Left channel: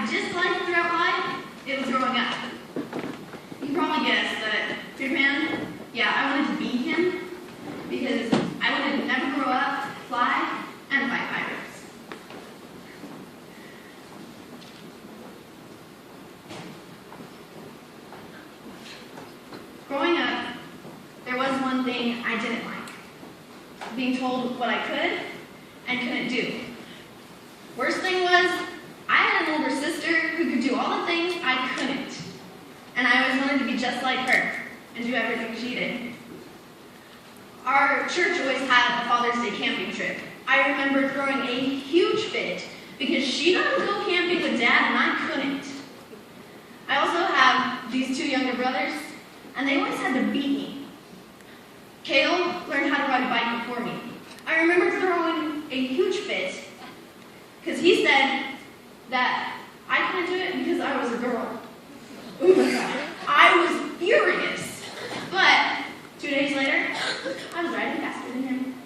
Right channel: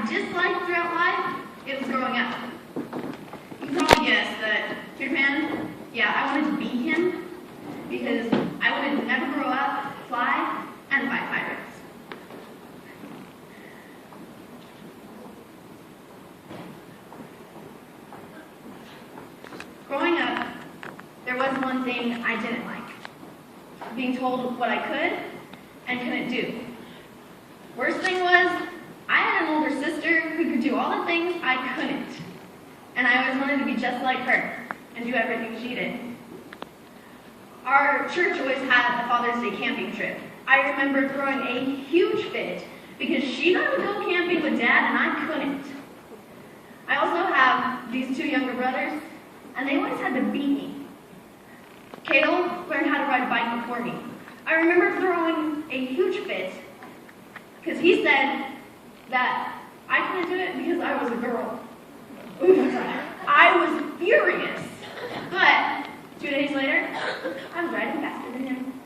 have disliked throughout life, it was growing up. You can probably guess that Peter Pan, yeah, I wanted to be him because I wanted to never grow up, fly, and fight pirates. Growing up, there was one thing I didn't like. Being told what I could and couldn't do. Worst thing was, I had an older sister who could do all the things I couldn't. And I always wanted to be just like her and do everything she did. Our church always had a Father's Day camping trip. I remember throwing a huge fit because she got to go camping with Dad and I couldn't. I also have these two younger brothers, and they always had to beat me. Cale learned how to ride a bike before me. I remember throwing a huge fit because he said that I couldn't do it because I was a girl. I was furious. But 2 days later, I was riding faster than him.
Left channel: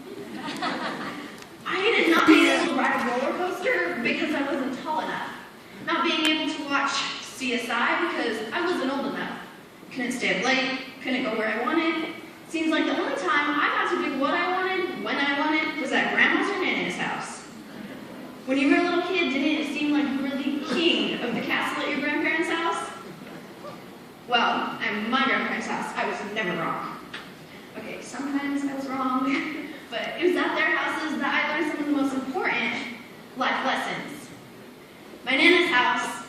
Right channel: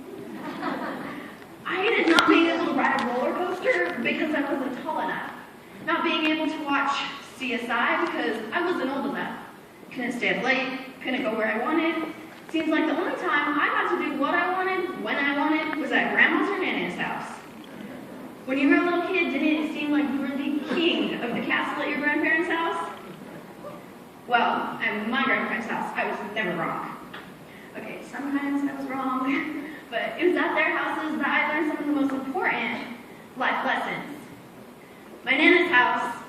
I did not being able to ride a roller coaster because I wasn't tall enough. Not being able to watch CSI because I wasn't old enough. Couldn't stay up late, couldn't go where I wanted. Seems like the only time I got to do what I wanted, when I wanted, was at Grandma's or Nana's house. When you were a little kid, didn't it seem like you were the king of the castle at your grandparents' house? Well, at my grandparents' house, I was never wrong. Okay, sometimes I was wrong, but it was at their houses that I learned some of the most important life lessons. My Nana's house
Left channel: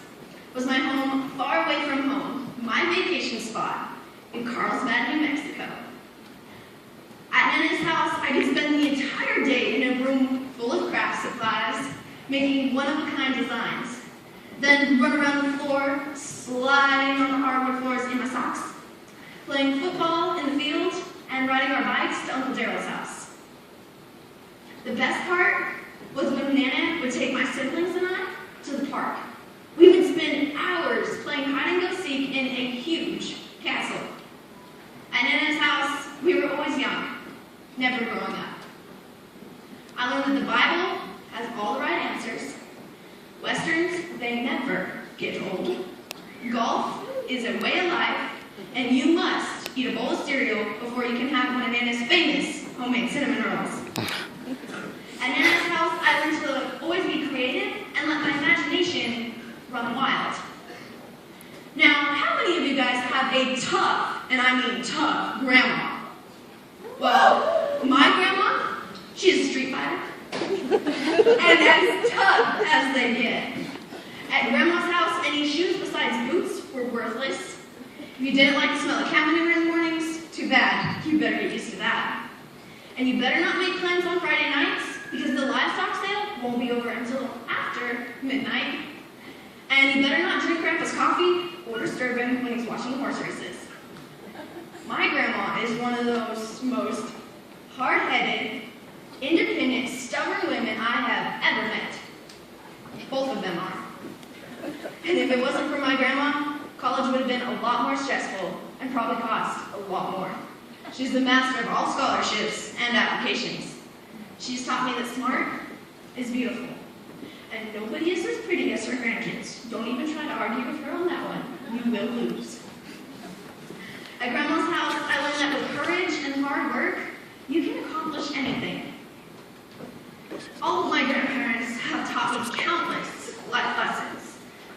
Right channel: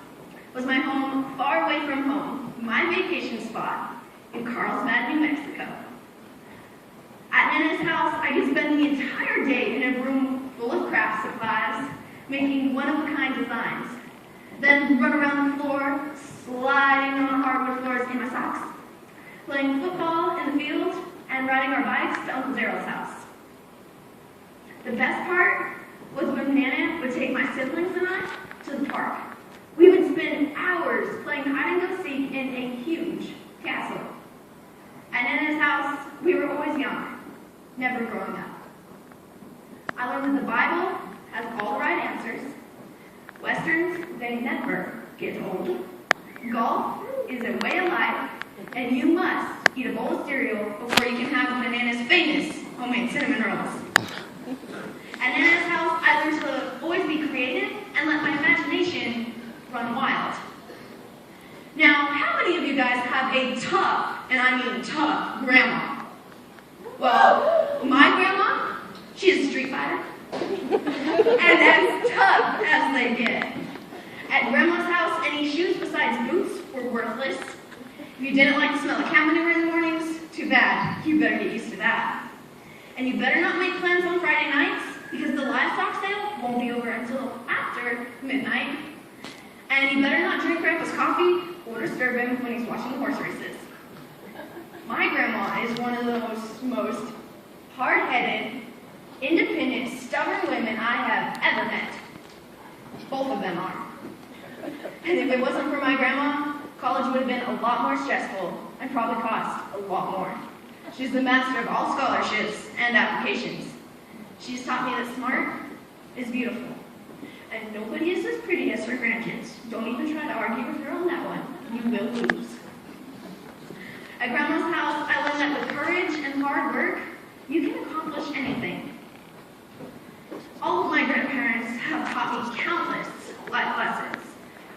was my home far away from home, my vacation spot in Carlsbad, New Mexico. At Nana's house, I could spend the entire day in a room full of craft supplies, making one-of-a-kind designs. Then run around the floor, sliding on the hardwood floors in my socks, playing football in the field, and riding our bikes to Uncle Daryl's house. The best part was when Nana would take my siblings and I to the park. We would spend hours playing hide-and-go-seek in a huge castle. At Nana's house, we were always young, never growing up. I learned that the Bible has all the right answers. Westerns, they never get old. Golf is a way of life, and you must eat a bowl of cereal before you can have one of Nana's famous homemade cinnamon rolls. At Nana's house, I learned to always be creative and let my imagination run wild. Now, how many of you guys have a tough, and I mean tough, grandma? Well, my grandma, she's a street fighter. And as tough as they get. At Grandma's house, any shoes besides boots were worthless. If you didn't like the smell of cow manure in the mornings, too bad. You better get used to that. And you better not make plans on Friday nights because the livestock sale won't be over until after midnight. And you better not drink Grandpa's coffee or disturb him when he's watching the horse races. My grandma is one of those most hard-headed, independent, stubborn women I have ever met. Both of them are. And if it wasn't for my grandma, college would have been a lot more stressful and probably cost a lot more. She's the master of all scholarships and applications. She's taught me that smart is beautiful. And nobody is as pretty as her grandkids. Don't even try to argue with her on that one. You will lose. At Grandma's house, I learned that with courage and hard work, you can accomplish anything. All of my grandparents have taught me countless life lessons,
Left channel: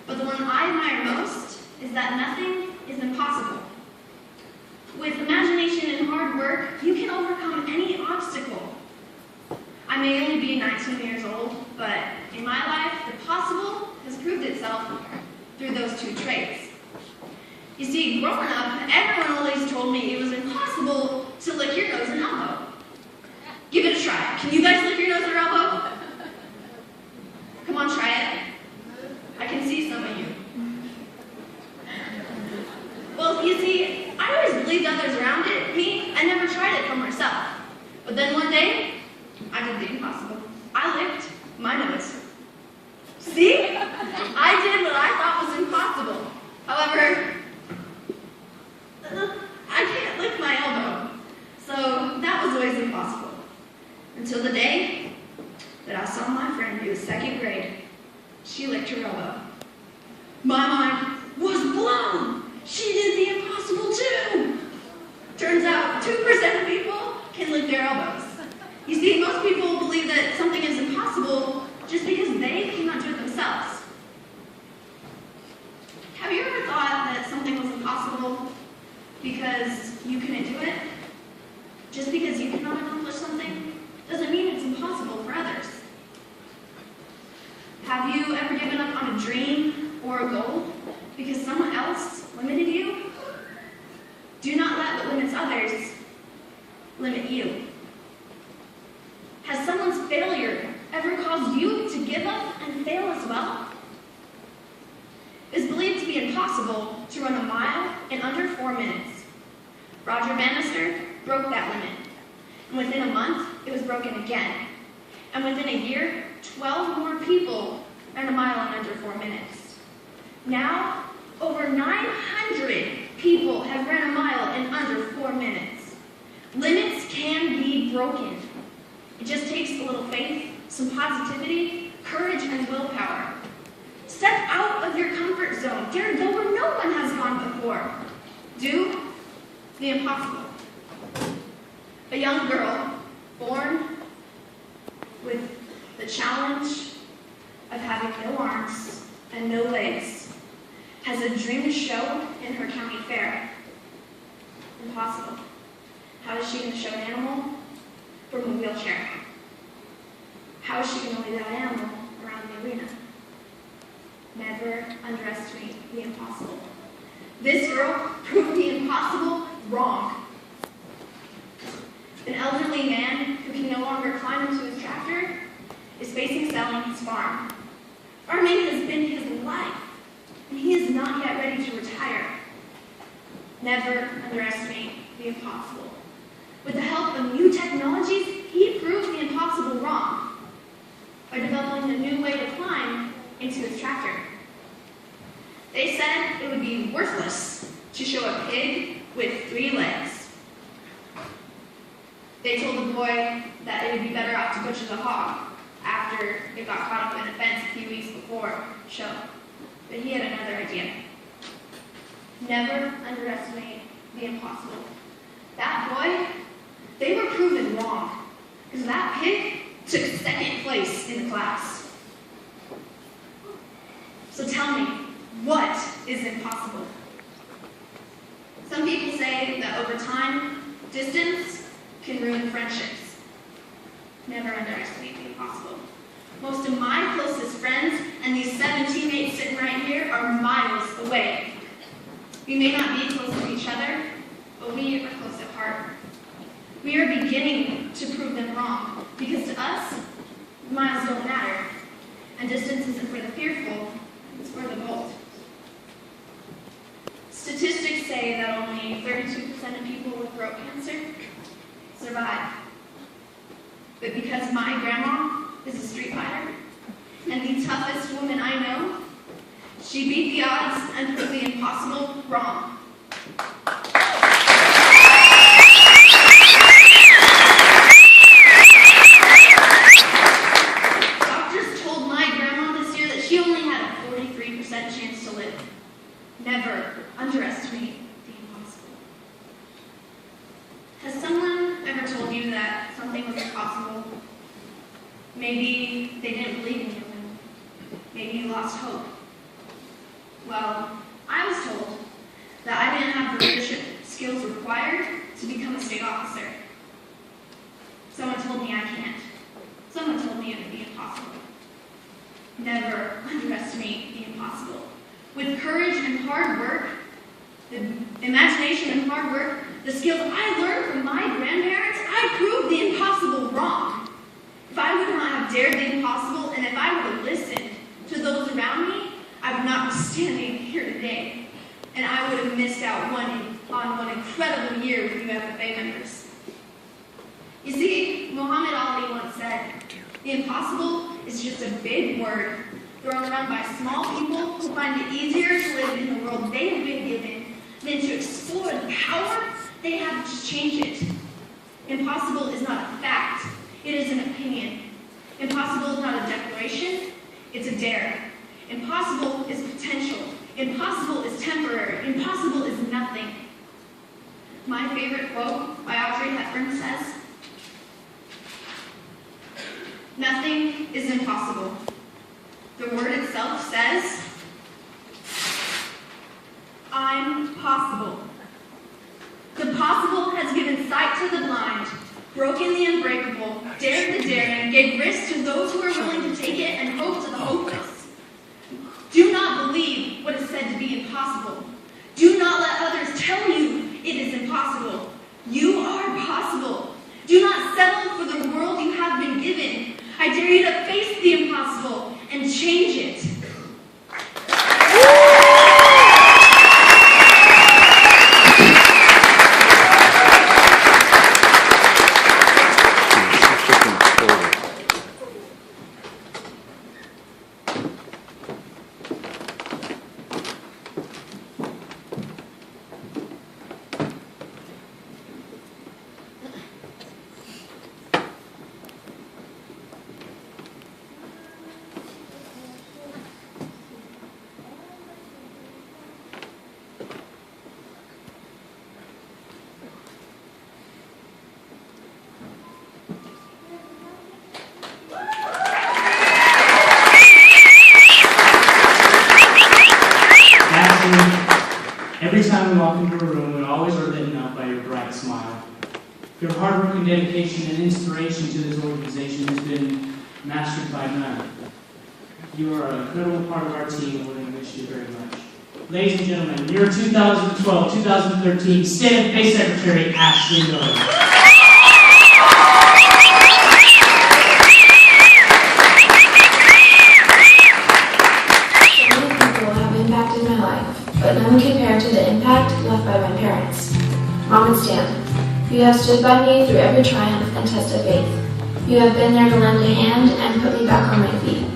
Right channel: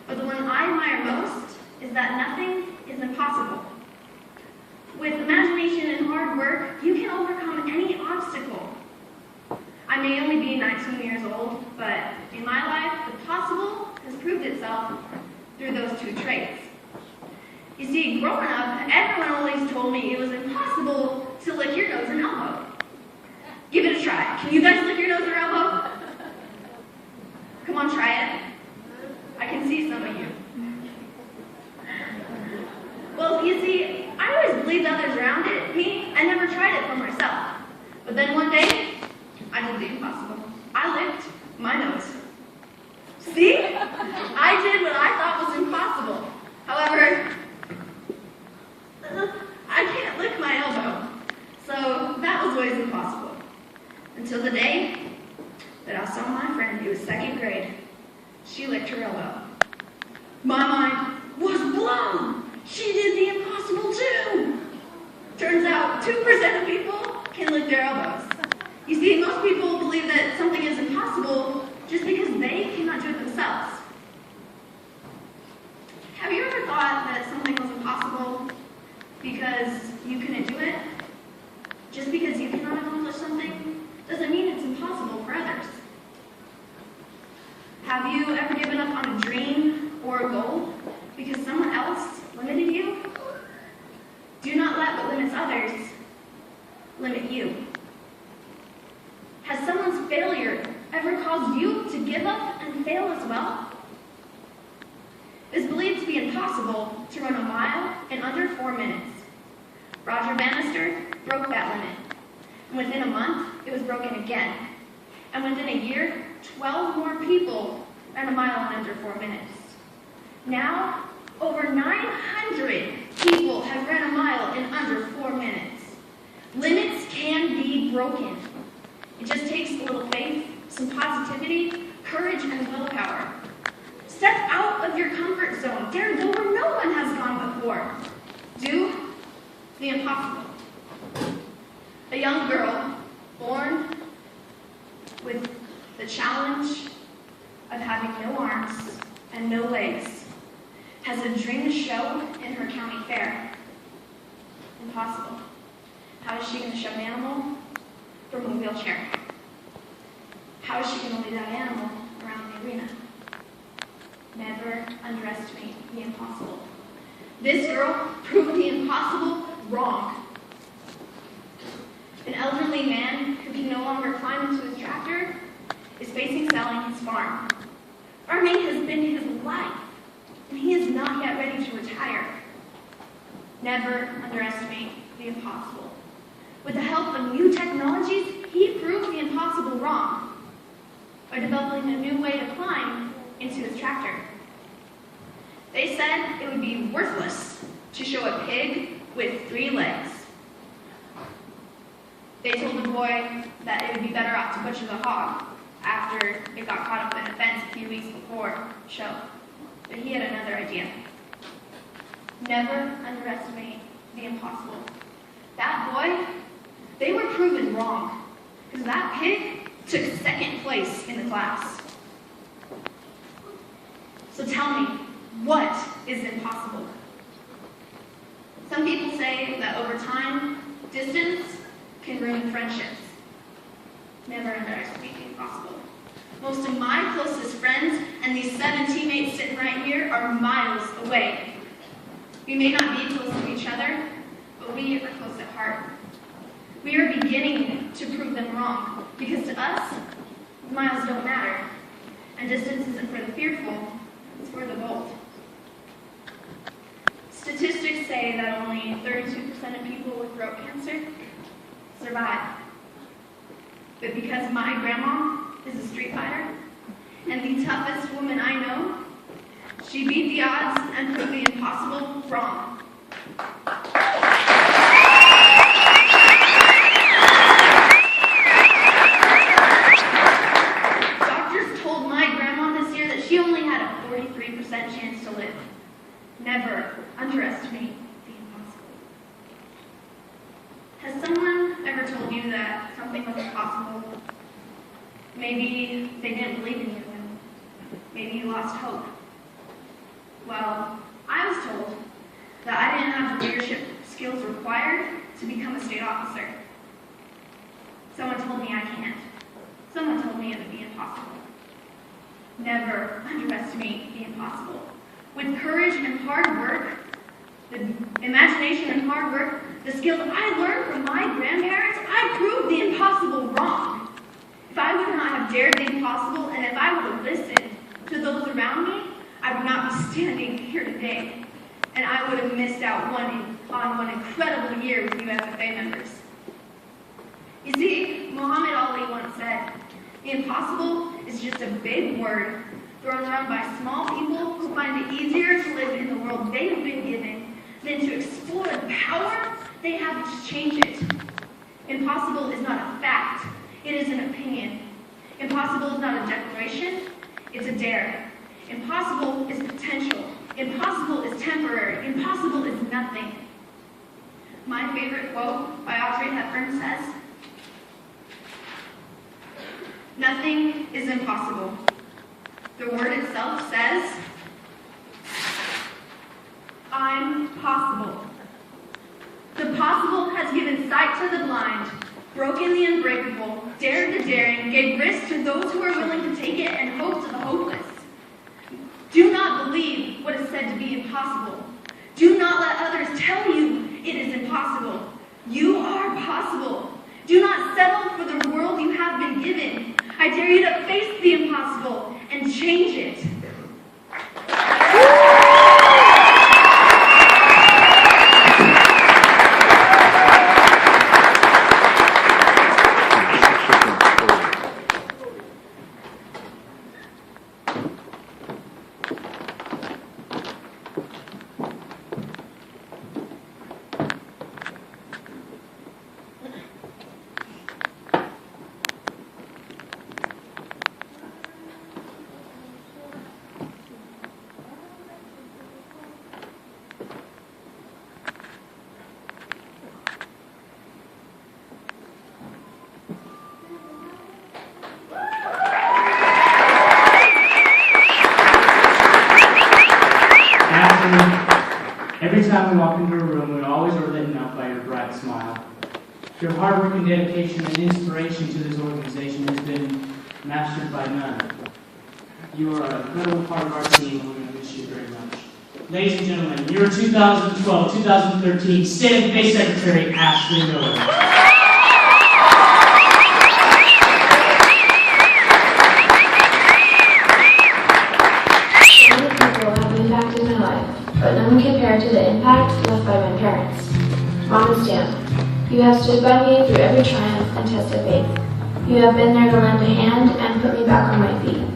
but the one I admire most is that nothing is impossible. With imagination and hard work, you can overcome any obstacle. I may only be 19 years old, but in my life, the possible has proved itself through those two traits. You see, growing up, everyone always told me it was impossible to lick your nose and elbow. Give it a try. Can you guys lick your nose or elbow? Come on, try it. I can see some of you. Well, you see, I always believed others around me and never tried it for myself. But then one day, I did the impossible. I licked my nose. See? I did what I thought was impossible. However, I can't lick my elbow. So that was always impossible. Until the day that I saw my friend who was second grade. She licked her elbow. My mind was blown. She did the impossible too. Turns out 2% of people can lift their elbows. You see, most people believe that something is impossible just because they cannot do it themselves. Have you ever thought that something was impossible because you couldn't do it? Just because you cannot accomplish something doesn't mean it's impossible for others. Have you ever given up on a dream or a goal because someone else limited you? Do not let what limits others limit you. Has someone's failure ever caused you to give up and fail as well? It is believed to be impossible to run a mile in under 4 minutes. Roger Bannister broke that limit. And within a month, it was broken again. And within a year, 12 more people ran a mile in under 4 minutes. Now, over 900 people have ran a mile in under 4 minutes. Limits can be broken. It just takes a little faith, some positivity, courage, and willpower. Step out of your comfort zone. Dare go where no one has gone before. Do the impossible. A young girl born with the challenge of having no arms and no legs has a dream to show in her county fair. Impossible. How is she going to show an animal from a wheelchair? How is she going to lead that animal around the arena? Never underestimate the impossible. This girl proved the impossible wrong. An elderly man who can no longer climb into his tractor is facing selling his farm. Farming has been his life, and he is not yet ready to retire. Never underestimate the impossible. With the help of new technologies, he proved the impossible wrong by developing a new way to climb into his tractor. They said it would be worthless to show a pig with 3 legs. They told the boy that it would be better off to butcher the hog after it got caught up in a fence a few weeks before the show. But he had another idea. Never underestimate the impossible. That boy, they were proven wrong, because that pig took 2nd place in the class. So tell me, what is impossible? Some people say that over time, distance can ruin friendships. Never underestimate the impossible. Most of my closest friends and these 7 teammates sitting right here are miles away. We may not be close to each other, but we are close at heart. We are beginning to prove them wrong, because to us, miles don't matter, and distance isn't for the fearful, it's for the bold. Statistics say that only 32% of people with throat cancer survive. But because my grandma is a street fighter, and the toughest woman I know, she beat the odds and proved the impossible wrong. Doctors told my grandma this year that she only had a 43% chance to live. Never underestimate the impossible. Has someone ever told you that something was impossible? Maybe they didn't believe in you, and maybe you lost hope. Well, I was told that I didn't have the leadership skills required to become a state officer. Someone told me I can't. Someone told me it would be impossible. Never underestimate the impossible. With courage and hard work, the imagination and hard work, the skills I learned from my grandparents, I proved the impossible wrong. If I would not have dared the impossible, and if I would have listened to those around me, I would not be standing here today. And I would have missed out on one incredible year with UFFA members. You see, Muhammad Ali once said, the impossible is just a big word thrown around by small people who find it easier to live in the world they have been given than to explore the power they have to change it. Impossible is not a fact, it is an opinion. Impossible is not a declaration, it's a dare. Impossible is potential. temporary. Impossible is nothing. My favorite quote by Audrey Hepburn says, "Nothing is impossible. The word itself says, I'm possible." The possible has given sight to the blind, broken the unbreakable, dared the daring, gave risk to those who are willing to take it, and hope to the hopeless. Do not believe what is said to be impossible. Do not let others tell you it is impossible. You are possible. Do not settle for the world you have been given. I dare you to face the impossible and change it. Every time we walk into a room, we always are lit up by your bright smile. Your hard work and dedication and inspiration to this organization has been mastered by none. You are an incredible part of our team, and we're going to miss you very much. Ladies and gentlemen, your 2012-2013 State of the Bay Secretary, Ashley Miller. But none compared to the impact left by my parents. Mom and Stan, you have stood by me through every triumph and test of faith. You have been there to lend a hand and put me back on my feet.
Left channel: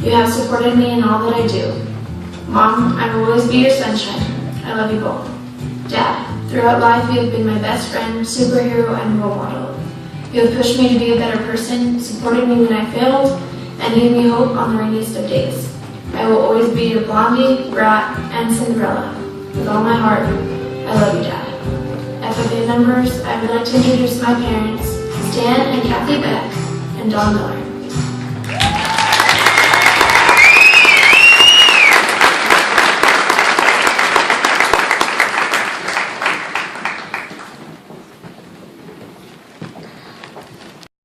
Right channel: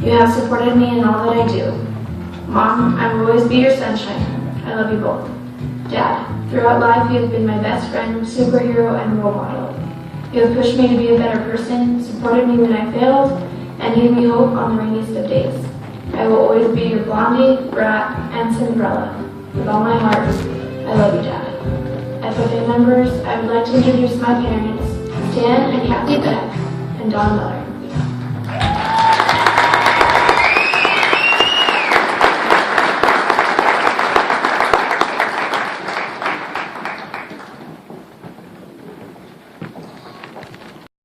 You have supported me in all that I do. Mom, I will always be your sunshine. I love you both. Dad, throughout life you have been my best friend, superhero, and role model. You have pushed me to be a better person, supported me when I failed, and gave me hope on the rainiest of days. I will always be your Blondie, Brat, and Cinderella. With all my heart, I love you, Dad. FFA members, I would like to introduce my parents, Stan and Kathy Beck, and Don Miller.